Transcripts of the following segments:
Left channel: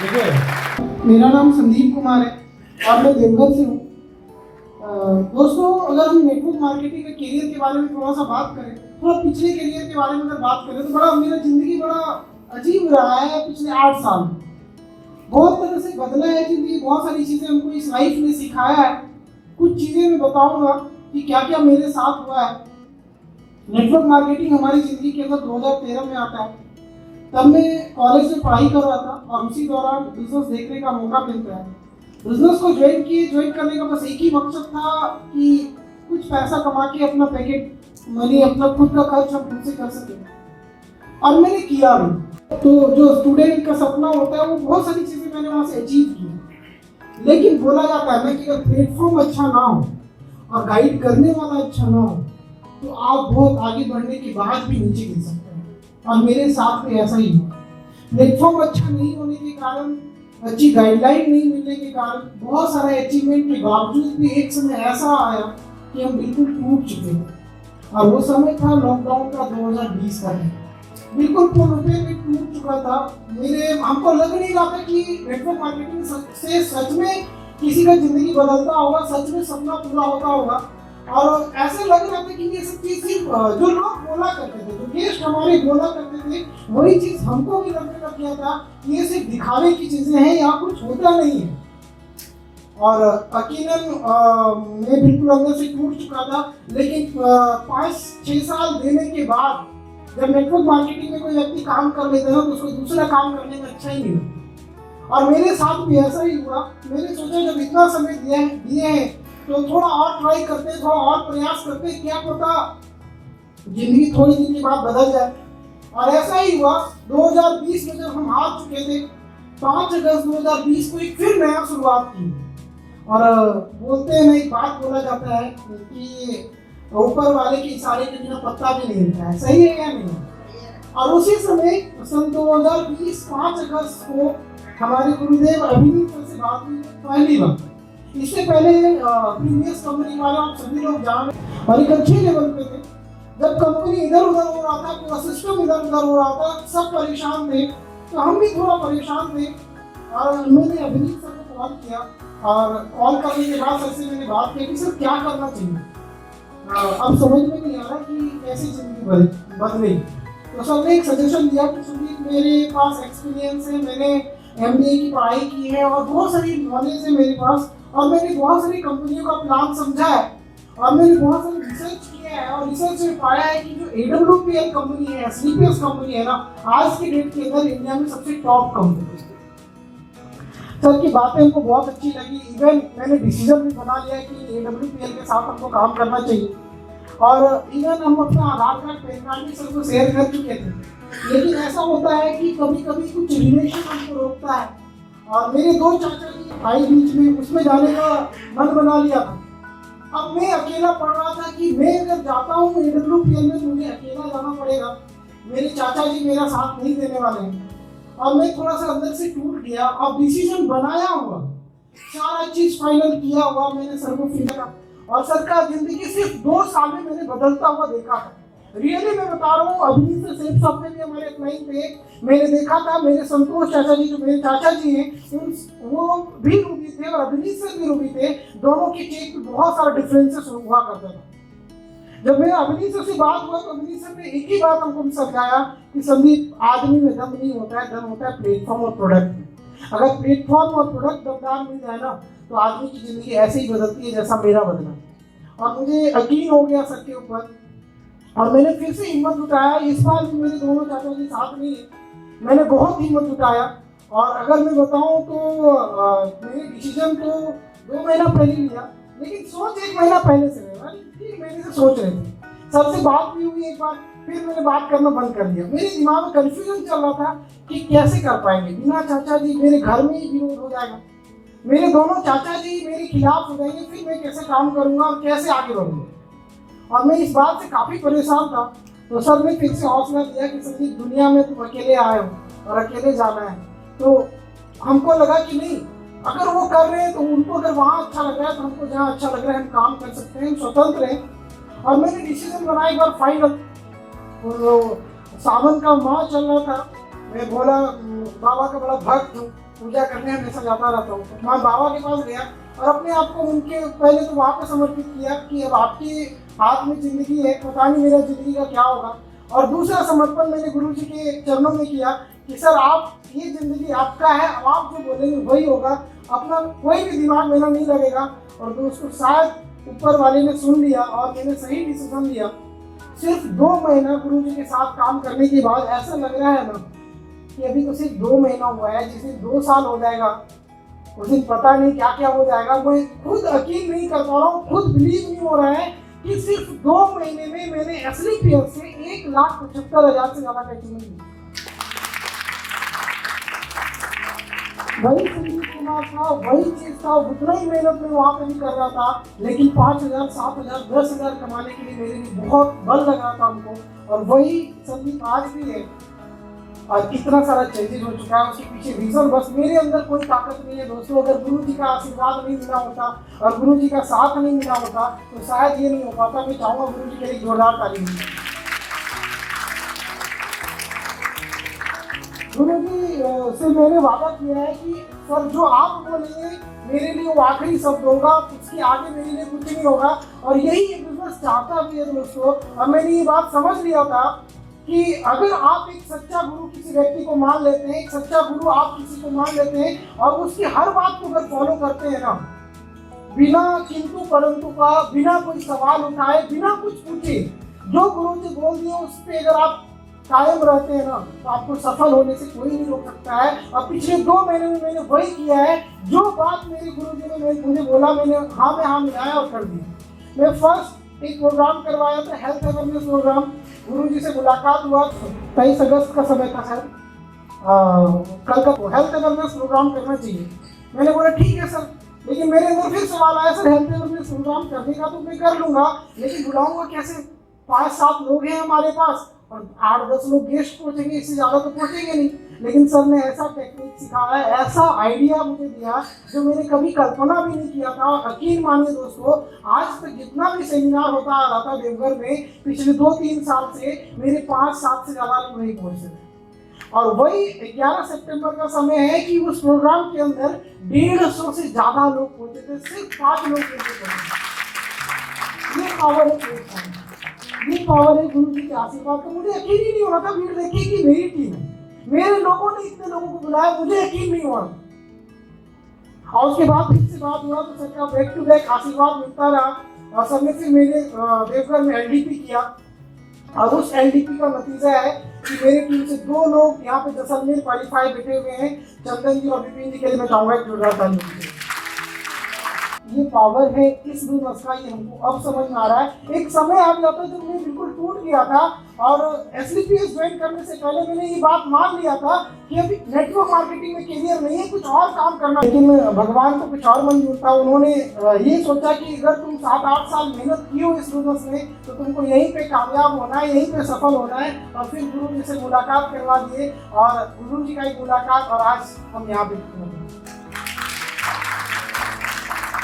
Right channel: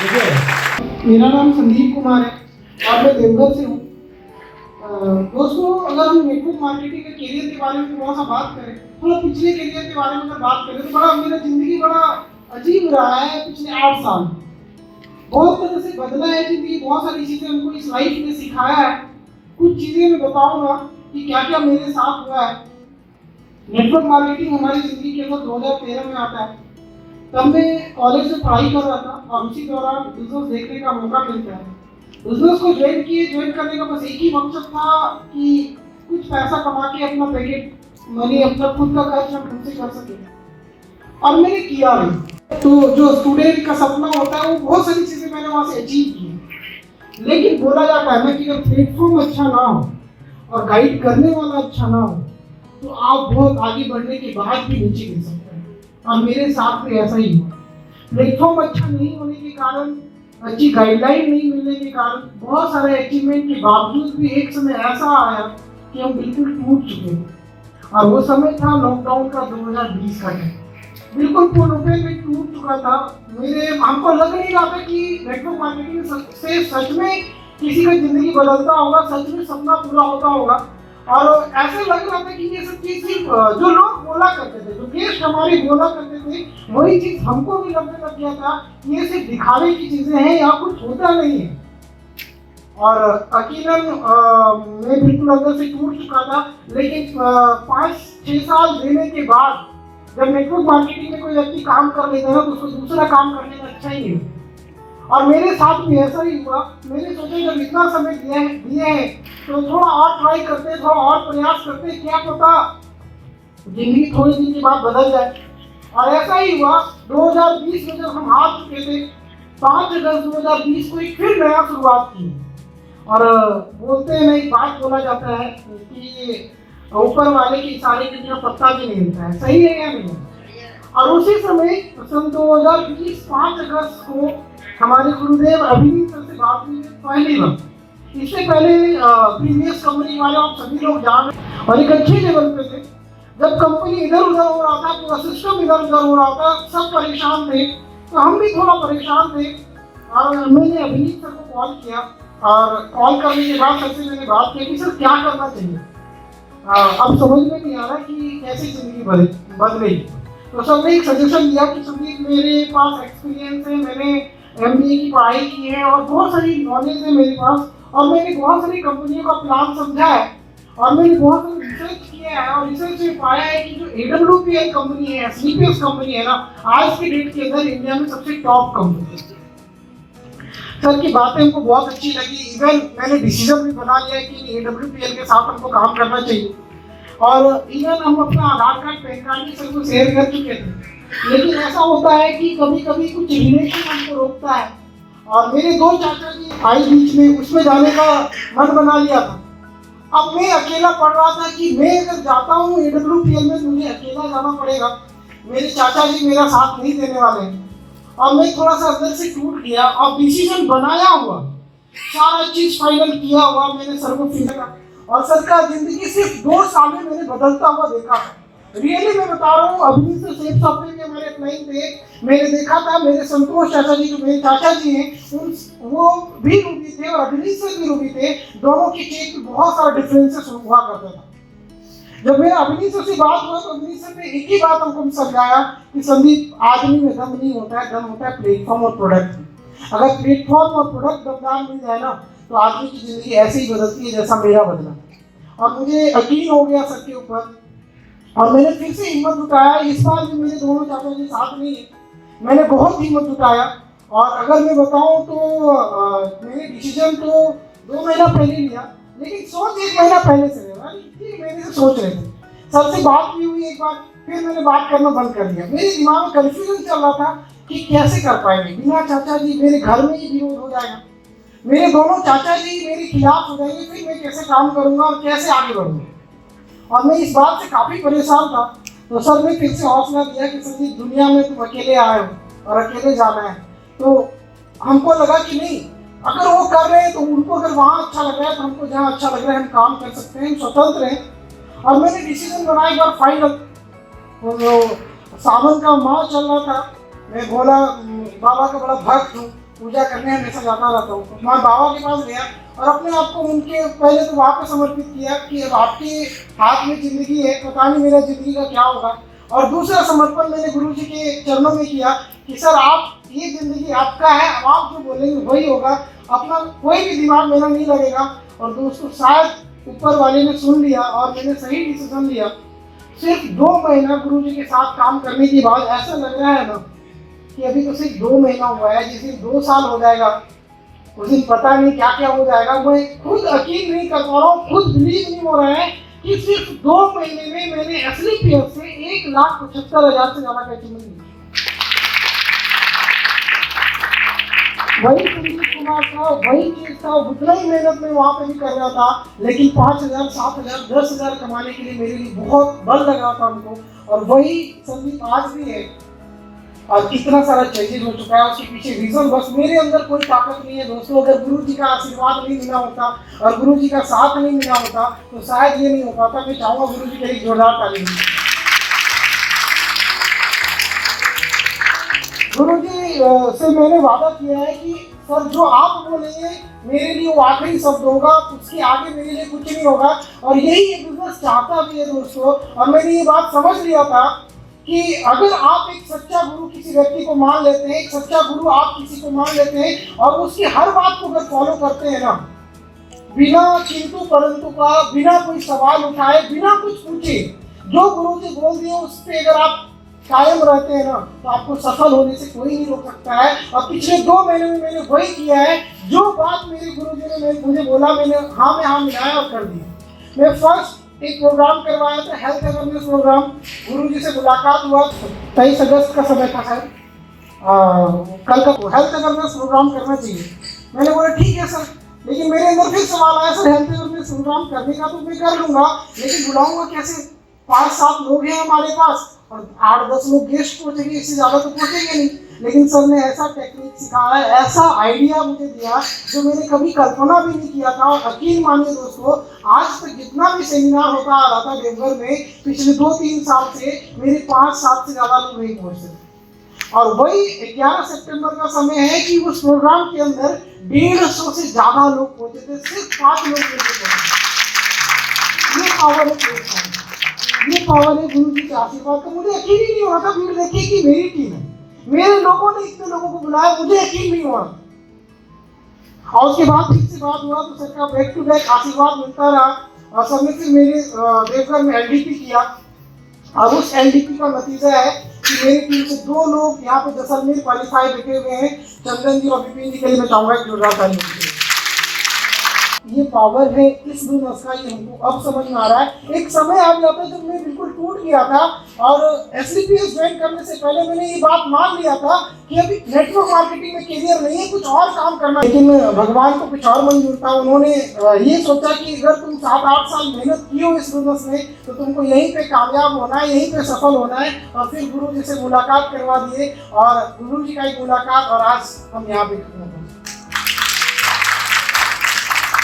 देखिए, मेरा नाम संदीप कुमार है और मैं देवघर से हूँ। दोस्तों, अगर हम नेटवर्क मार्केटिंग के करियर के बारे में थोड़ा सा बात करें, थोड़ा पिछले करियर के बारे में अगर बात करें तो बड़ा मेरा जिंदगी बड़ा अजीब रहा है। पिछले 8 साल बहुत तरह से बदला है जिंदगी, बहुत सारी चीज़ें हमको इस लाइफ ने सिखाया है। कुछ चीज़ें मैं बताऊंगा कि क्या क्या मेरे साथ हुआ है। नेटवर्क मार्केटिंग हमारी ज़िंदगी के अंदर 2013 में आता है। तब मैं कॉलेज में पढ़ाई कर रहा था और उसी दौरान बिजनेस देखने का मौका मिलता है। बिजनेस को ज्वाइन करने का बस एक ही मकसद था कि कुछ पैसा कमा के अपना पैकेट मनी, अपना खुद का खर्च हम खुद से कर सकें, और मैंने किया भी। तो जो स्टूडेंट का सपना होता है वो बहुत सारी चीज़ें मैंने वहाँ से अचीव की। लेकिन बोला जाता है ना कि अगर प्लेटफॉर्म अच्छा ना हो और गाइड करने वाला अच्छा ना हो तो आप बहुत आगे बढ़ने के बाद भी नीचे गिर सकते हैं, और मेरे साथ में ऐसा ही हुआ। प्लेटफॉर्म अच्छा नहीं होने के कारण, अच्छी गाइडलाइन नहीं मिलने के कारण, बहुत सारे अचीवमेंट के बावजूद भी एक समय ऐसा आया कि हम बिल्कुल टूट चुके थे। और वो समय था लॉकडाउन का 2020 का टाइम। बिल्कुल पूर्ण रूप में टूट चुका था। हमको लग नहीं रहा था कि नेटवर्क मार्केटिंग से सच में किसी का जिंदगी बदलता होगा, सच में सपना पूरा होता होगा। और ऐसे लग रहा था कि ये सब चीज सिर्फ जो लोग बोला करते थे, जो गेस्ट हमारे बोला करते थे, वही चीज हमको भी लगने लग गया था कि ये सिर्फ दिखावे की चीजें हैं या कुछ होता नहीं है। और यकीनन मैं बिल्कुल अंदर से टूट चुका था। लेकिन 5-6 साल देने के बाद जब नेटवर्क मार्केटिंग में कोई व्यक्ति काम कर लेता है तो उसको दूसरा काम करने में अच्छा ही है। और मेरे साथ भी ऐसा ही हुआ। मैंने सोचा जब इतना समय दिए हैं तो थोड़ा और ट्राई करते, थोड़ा और प्रयास करते, क्या पता जिंदगी थोड़ी दिन के बाद बदल जाए। और ऐसा ही हुआ। 2020 में जब हम हार चुके थे, 5 अगस्त 2020 को एक फिर नया शुरुआत की। और बोलते हैं, एक बात बोला जाता है कि ऊपर वाले के इशारे के बिना पत्ता भी नहीं हिलता है। सही है या नहीं? और उसी समय सन 2020 5 अगस्त को हमारे गुरुदेव अभिनीत सर से बात हुई पहली बार। इससे पहले प्रीवियस कंपनी वाले आप सभी लोग जान और एक अच्छे लेवल पे थे। जब कंपनी इधर उधर हो रहा था, पूरा सिस्टम इधर उधर हो रहा था, सब परेशान थे, तो हम भी थोड़ा परेशान थे। और मैंने अभिनीत सर को कॉल किया और कॉल करने के बाद सर से मैंने बात की कि सर क्या करना चाहिए। अब समझ में नहीं आ रहा कि कैसे जिंदगी बदलेगी। तो सर ने एक सजेशन दिया कि संदीप, मेरे पास एक्सपीरियंस है, मैंने MBA की पढ़ाई की है और बहुत सारी नॉलेज है मेरे पास, और मैंने बहुत सारी कंपनियों का प्लान समझा है और मैंने बहुत सारी रिसर्च किया है। और रिसर्च में पाया है कि जो AWPL कंपनी है, स्लीपियस कंपनी है ना, आज के डेट के अंदर इंडिया में सबसे टॉप कंपनी है। सर की बातें हमको बहुत अच्छी लगी। इवन मैंने डिसीजन भी बना लिया कि AWPL के साथ हमको काम करना चाहिए। और इवन हम अपना आधार कार्ड, पैन कार्ड भी सर को शेयर कर चुके थे। लेकिन ऐसा होता है कि कभी कभी कुछ रिलेशन हमको रोकता है। और मेरे 2 चाचा जी भाई बीच में, उसमें जाने का मन बना लिया था। अब मैं अकेला पड़ रहा था कि मैं अगर जाता हूँ AWPL में तो मुझे अकेला जाना पड़ेगा, मेरे चाचा जी मेरा साथ नहीं देने वाले हैं। और मैं थोड़ा सा अंदर से टूट गया। अब डिसीजन बनाया हुआ, सारा चीज फाइनल किया हुआ, मैंने सर को फिर और सर का जिंदगी सिर्फ 2 साल में मैंने बदलता हुआ देखा था। रियली मैं बता रहा हूँ। अभी से सेफ सॉफ्टवेयर के हमारे क्लाइंट थे, मैंने देखा था। मेरे संतोष चाचा जी, जो मेरे चाचा जी हैं, वो भी रूबी थे और अभिनीत से भी रूबी थे। दोनों की चीज में बहुत सारा डिफरेंसेस हुआ करता था। जब मेरा अभिनीत सर से बात हुआ तो अभिनीत सर ने एक ही बात हमको समझाया कि संदीप, आदमी में दम नहीं होता है, दम होता है प्लेटफॉर्म और प्रोडक्ट में। अगर प्लेटफॉर्म और प्रोडक्ट दमदार मिल जाए ना तो आदमी की जिंदगी ऐसे ही बदलती है जैसा मेरा बदला। और मुझे यकीन हो गया सर के ऊपर, और मैंने फिर से हिम्मत उठाया। इस बार भी मेरे दोनों चाचा जी साथ नहीं है, मैंने बहुत हिम्मत उठाया। और अगर मैं बताऊं तो मैंने डिसीजन तो 2 महीना पहले लिया, लेकिन सोच 1 महीना पहले से लेना, 3 महीने से सोच रहे थे। सर से बात भी हुई एक बार, फिर मैंने बात करना बंद कर दिया। मेरे दिमाग में कंफ्यूजन चल रहा था कि कैसे कर पाएंगे बिना चाचा जी, मेरे घर में ही विरोध हो जाएगा, मेरे दोनों चाचा जी मेरे खिलाफ हो जाएंगे, फिर मैं कैसे काम करूंगा और कैसे आगे बढ़ूंगा। और मैं इस बात से काफी परेशान था। तो सर ने फिर से हौसला दिया कि संदीप, दुनिया में तुम अकेले आए हो और अकेले जाना है। तो हमको लगा कि नहीं, अगर वो कर रहे हैं तो उनको अगर वहाँ अच्छा लग रहा है तो हमको जहाँ अच्छा लग रहा है हम काम कर सकते हैं, हम स्वतंत्र हैं। और मैंने डिसीजन बनाया एक बार फाइनल। तो सावन का माह चल रहा था, मैं भोला बाबा का बड़ा भक्त हूँ, पूजा करने हमेशा जाता रहता हूँ। मैं बाबा के पास गया और अपने आप को उनके पहले तो वहाँ पर समर्पित किया कि अब आपके हाथ में ज़िंदगी है, पता नहीं मेरा ज़िंदगी का क्या होगा। और दूसरा समर्पण मैंने गुरु जी के चरणों में किया कि सर आप ये ज़िंदगी आपका है, अब आप जो बोलेंगे वही होगा, अपना कोई भी दिमाग मेरा नहीं लगेगा। और दोस्तों शायद ऊपर वाले ने सुन लिया और मैंने सही डिसीजन लिया। सिर्फ 2 महीना गुरु जी के साथ काम करने के बाद ऐसा लग रहा है ना कि अभी तो सिर्फ 2 महीना हुआ है, जिस दिन 2 साल हो जाएगा उस दिन पता नहीं क्या क्या हो जाएगा। मैं खुद यकीन नहीं कर पा रहा हूँ, खुद बिलीव नहीं हो रहा है कि सिर्फ 2 महीने में मैंने SLPS से 1,75,000 से ज्यादा कैसे मिली। वही संदीप कुमार था, वही चीज था, उतना ही मेहनत में वहाँ पे भी कर रहा था, लेकिन 5,000, 7,000, 10,000 कमाने के लिए मेरे लिए बहुत बल लग रहा था हमको। और वही संदीप आज भी है और कितना सारा चेंजेस हो चुका है। उसके पीछे रीजन बस मेरे अंदर कोई ताकत नहीं है दोस्तों। अगर गुरु जी का आशीर्वाद नहीं मिला होता और गुरु जी का साथ नहीं मिला होता तो शायद ये नहीं हो पाता। मैं चाहूँगा गुरु जी के लिए जोरदार ताली। गुरु जी से मैंने वादा किया है कि सर जो आप बोलेंगे मेरे लिए वो आखिरी शब्द होगा, उसके आगे मेरे लिए कुछ नहीं होगा। और यही ये बिजनेस चाहता भी है दोस्तों। और मैंने ये बात समझ लिया था कि अगर आप एक सच्चा गुरु किसी व्यक्ति को मान लेते हैं, एक सच्चा गुरु आप किसी को मान लेते हैं और उसकी हर बात को अगर फॉलो करते हैं ना, बिना किंतु परंतु का, बिना कोई सवाल उठाए, बिना कुछ पूछे, जो गुरु जी बोल दिए उस पर अगर आप कायम रहते हैं ना तो आपको सफल होने से कोई नहीं रोक सकता है। और पिछले 2 महीने में मैंने वही किया है, जो बात मेरे गुरु जी ने मुझे बोला मैंने हाँ में हाँ मिलाया और कर दिया। मैं फर्स्ट एक प्रोग्राम करवाया था, हेल्थ अवेयरनेस प्रोग्राम। गुरु जी से मुलाकात हुआ, 23 अगस्त का समय था सर, कल का हेल्थ अवेयरनेस प्रोग्राम करना चाहिए। मैंने बोला ठीक है सर, लेकिन मेरे अंदर फिर सवाल आया सर हेल्थ अवेयरनेस प्रोग्राम करने का तो मैं कर लूँगा, लेकिन बुलाऊंगा कैसे? 5-7 लोग हैं हमारे पास और 8-10 लोग गेस्ट पहुंचेंगे, इससे ज़्यादा तो पहुंचेंगे नहीं। लेकिन सर ने ऐसा टेक्निक सिखाया, ऐसा आइडिया मुझे दिया जो मैंने कभी कल्पना भी नहीं किया था। और यकीन मानिए दोस्तों, आज तक जितना भी सेमिनार होता आ रहा था देवघर में पिछले 2-3 साल से, मेरे 5-7 से ज़्यादा लोग नहीं पहुँचते। और वही 11 सितंबर का समय है कि उस प्रोग्राम के अंदर 150 से ज़्यादा लोग पहुँचे थे, सिर्फ 5 लोग पहुँचे। ये पावर है, ये पावर है गुरु जी के आशीर्वाद। तो मुझे यकीन ही नहीं हो रहा था भीड़ देखिए कि मेरी टीम है, मेरे लोगों ने इतने लोगों को बुलाया, मुझे यकीन नहीं हुआ। और उसके बाद फिर से बात हुआ तो सबका बैक टू बैक आशीर्वाद मिलता रहा। और सबने फिर मेरे देवघर में LDP किया और उस LDP का नतीजा है कि मेरी टीम से 2 लोग यहाँ पे जैसलमेर क्वालिफाई बैठे हुए हैं, चंदन जी और विपिन जी के लिए मैं चाहूँगा जोरदार ताली। ये पावर है इस बिजनेस का, ये हमको अब समझ में आ रहा है। एक समय आ जाता जब मैं बिल्कुल टूट गया था और SLPS ज्वाइन करने से पहले मैंने ये बात मान लिया था कि अभी नेटवर्क मार्केटिंग में करियर नहीं है, कुछ और काम करना। लेकिन भगवान को कुछ और मंजूर था। उन्होंने ये सोचा कि अगर तुम 7-8 साल मेहनत की हो इस बिजनेस में तो तुमको यहीं पे कामयाब होना है, यहीं पे सफल होना है। और फिर गुरु जी से मुलाकात करवा दिए और गुरु जी का एक मुलाकात और आज हम यहाँ पे।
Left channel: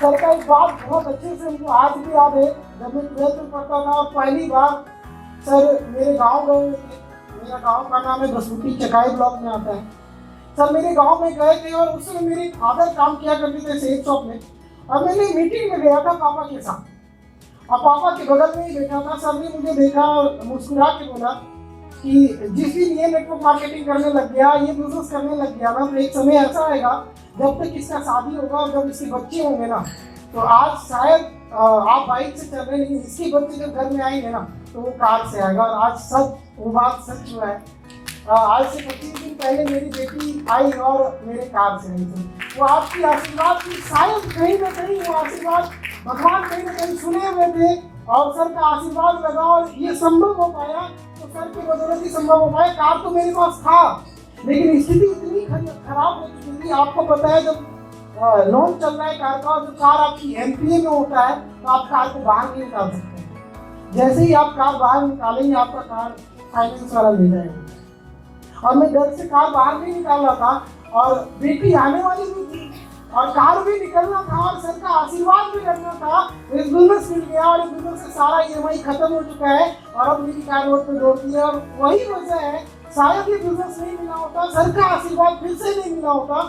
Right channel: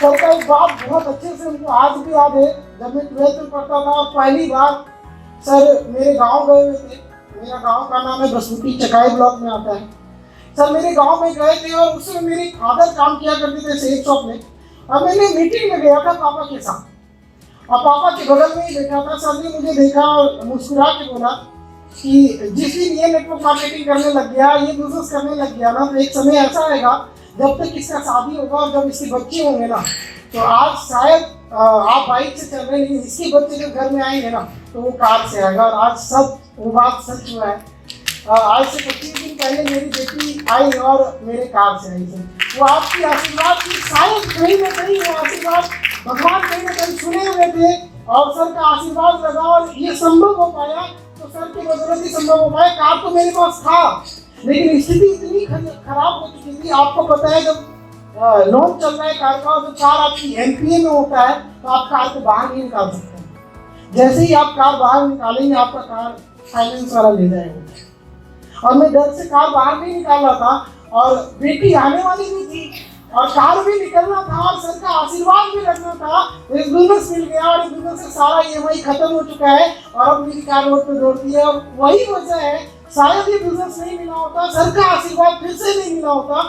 सर का एक बात बहुत अच्छे से उनको आज भी याद है, जब मैं 12th में पढ़ता था पहली बार सर मेरे गांव गए हुए थे। मेरा गांव का नाम है बसुटी, चकाई ब्लॉक में आता है। सर मेरे गांव में गए थे और उसमें मेरे फादर काम किया करते थे सेल शॉप में। और मैंने मीटिंग में गया था पापा के साथ और पापा के बगल में ही बैठा था। सर ने मुझे देखा और मुस्कुरा के बोला कि जिस दिन ये नेटवर्क मार्केटिंग करने लग गया, ये बिजनेस करने लग गया ना, तो एक समय ऐसा आएगा जब तक इसका शादी होगा और जब इसके बच्चे होंगे ना, तो आज शायद आप बाइक से चल रहे हैं, इसके बच्चे जब घर में आएंगे ना तो वो कार से आएगा। और आज सब वो बात सच हुआ है। आज से 25 दिन पहले मेरी बेटी आई और मेरे कार से आई थी। वो आपकी आशीर्वाद की, शायद कहीं ना कहीं वो आशीर्वाद भगवान कहीं ना कहीं सुने हुए थे और सर का आशीर्वाद लगा और ये संभव हो पाया। तो सर की बदौलत ही संभव हो पाया। कार तो मेरे पास था लेकिन स्थिति इतनी खराब हो चुकी थी। आपको पता है जब लोन चल रहा है कार का, तो कार आपकी NPA में होता है तो आप कार को बाहर नहीं निकाल सकते। जैसे ही आप कार बाहर निकालेंगे आपका कार फाइनेंस वाला ले जाएगा। और मैं डर से कार बाहर नहीं निकाल रहा था और बेटी आने वाली भी थी और कार भी निकलना था और सर का आशीर्वाद भी रखना था। इस बिजनेस मिल गया और इस बिजनेस से सारा EMI खत्म हो चुका है और अब मेरी कार रोड पे दौड़ती है। और वही वजह है, शायद ये बिजनेस नहीं मिला होता, सर का आशीर्वाद फिर से नहीं मिला होता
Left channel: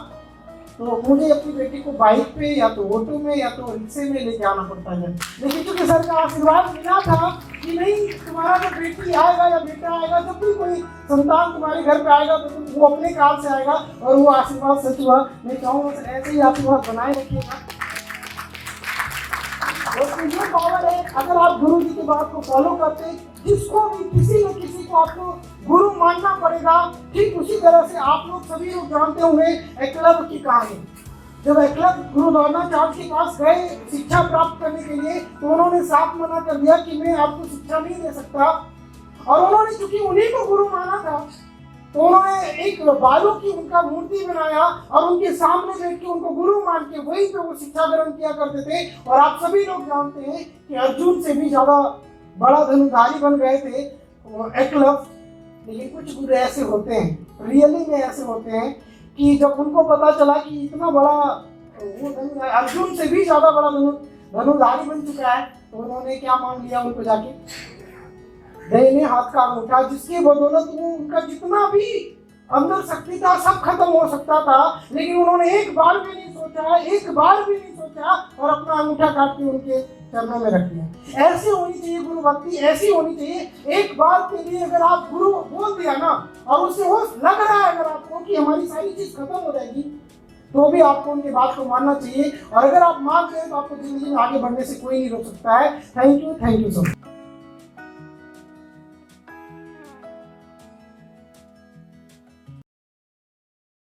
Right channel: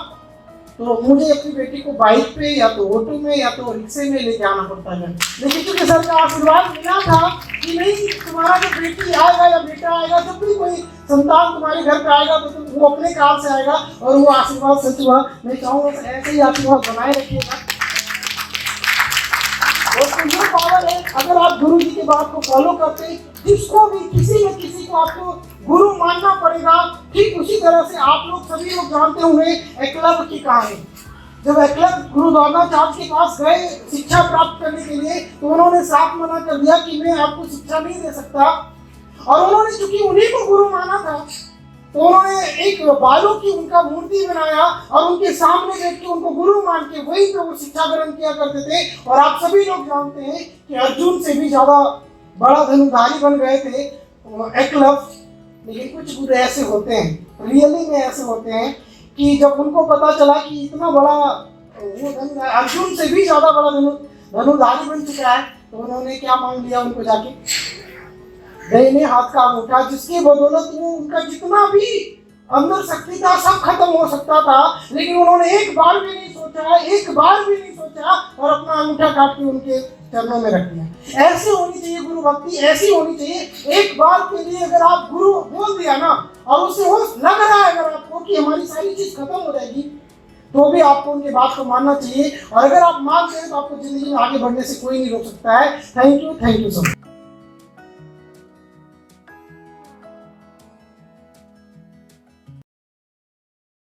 तो मुझे अपनी बेटी को बाइक पे या तो ऑटो में या तो रिक्शे में लेके आना पड़ता है। लेकिन क्योंकि सर का आशीर्वाद मिला था कि नहीं, तुम्हारा जो बेटी आएगा या बेटा आएगा, जब भी कोई संतान तुम्हारे घर पे आएगा तो वो अपने काल से आएगा, और वो आशीर्वाद सच हुआ। मैं चाहूँगा सर ऐसे ही आशीर्वाद बनाए रखिएगा। और ये पावर है, अगर आप गुरु जी की बात को फॉलो करते हैं, जिसको भी किसी न किसी को आपको गुरु मानना पड़ेगा। ठीक उसी तरह से आप लोग सभी लोग जानते होंगे एकलव्य की कहानी। जब एकलव्य गुरु द्रोणाचार्य के पास गए शिक्षा प्राप्त करने के लिए, तो उन्होंने साफ मना कर दिया कि मैं आपको शिक्षा नहीं दे सकता। और उन्होंने चूंकि उन्हीं को गुरु माना था, तो उन्होंने एक बालों की उनका मूर्ति बनाया और उनके सामने देख के उनको गुरु मान के वहीं पे वो शिक्षा ग्रहण किया करते थे। और आप सभी लोग जानते हैं कि अर्जुन से भी ज्यादा बड़ा धनुर्धारी बन गए थे एकलव्य। लेकिन कुछ गुरु ऐसे होते हैं, रियली में ऐसे होते हैं, कि जब उनको पता चला कि इतना बड़ा वो अर्जुन से भी ज्यादा बड़ा धनुर्धारी बन चुका है, तो उन्होंने क्या मांग लिया उनको जाके, दाहिने हाथ का अंगूठा, जिसकी बदौलत वो उनका जितना भी अंदर शक्ति था सब खत्म हो सकता था। लेकिन उन्होंने एक बार भी नहीं सोचा और अपना अंगूठा काट के उनके चरणों में रख दिया। ऐसे होनी चाहिए गुरु भक्ति, ऐसी होनी चाहिए। एक बार के लिए अगर आप गुरु बोल दिया ना, और उससे हो लग रहा है अगर आपको कि हमारी सारी चीज खत्म हो जाएगी, तो भी आपको उनकी बात को मानना चाहिए। और अगर आप मान गए तो आपको जिंदगी में आगे बढ़ने से कोई नहीं रोक सकता है। Thank you so much.